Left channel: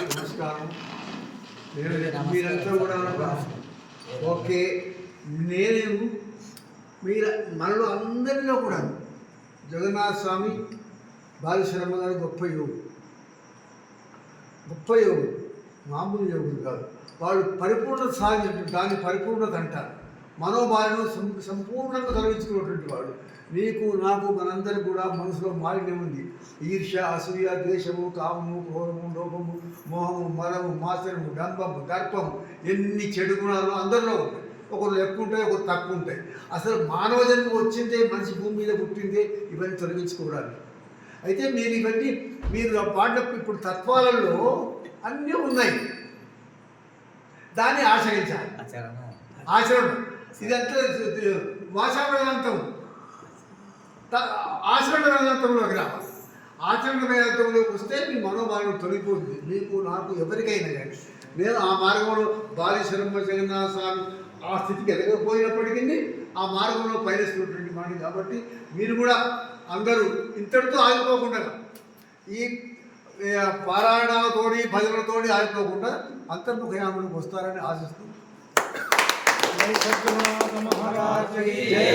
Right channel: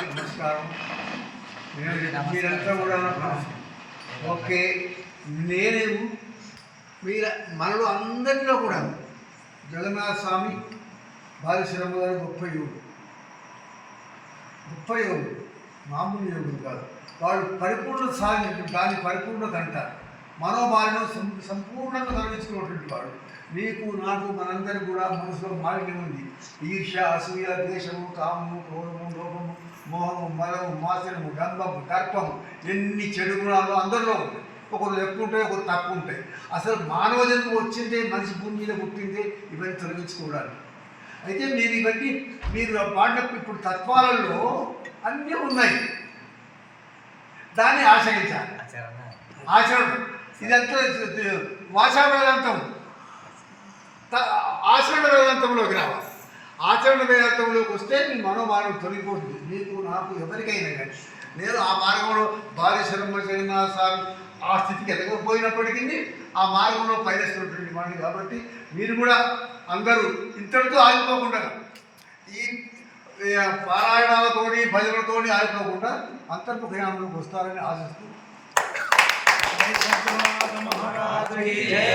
నమస్కారం. నేను మీరంతా కూడా ఓకే నేను మీరు మనలో అందరిలో కూడా జగన్నాథ స్వామి బాలశ్రమ గారు గొప్ప యోగుడు గొప్ప యోగుడు మామూలు యోగుడు కాదు. వాళ్ళు పరిపూర్ణ సాధన దాన్ని పరిపూర్ణత అంటారు. మనోభావం సం సంపూర్ణంగా తొలగించుకున్నటువంటి వాడు. నీకు నాకు మనందరి కూడా మనసులో మాలిన్యం ఉంది. ఈర్ష్య అసూయ ద్వేషము కామము క్రోధము లోపము మోహము మరము మాసనము డంబము దర్పము ఎన్ని చెడు గుణాలు అందరిలో ఉంటాయి. ఒకరు ఎక్కువ ఉంటాయి ఒకరు తక్కువ ఉంటాయి. అసలు మానవ జన్మ వచ్చిందే మనిషి భూమి మీద పుట్టిందే ఇవన్నీ తొలగించుకోవడానికి. అయితే మీరు ఇవన్నీ మీరు పాట ఇప్పుడు తత్వాలలో అన్నీ ఉన్నాయి. దాన్ని ఆశ్రయించాలి ఆచరణ. ఇదంతా వాచారణ వేదాంతం ఆచరణ వేదాంతంలోకి రావాలి ఆచరణ వేదాంతంలోకి వస్తే మీ మనోభావం తొలగిపోతుంది. మీకు నాకు ఎవరికైనా కానీ. నేను ఆ మార్గంలో బాలేశ్వరమ్మ జగన్నాథ స్వామి ఆ స్థితికి ఎదగకపోయినప్పటికీ ఆ మార్గంలో పయనిస్తున్నటువంటి వాడిని కాబట్టి మీరు కూడా అందరూ ఇంతటితో ఆగిపోకుండా ఈ పారాయణాలతోని భజనలతోని ఆగిపోకుండా అంతర్ముఖయానంలోకి వస్తారని ఆశిస్తూ जय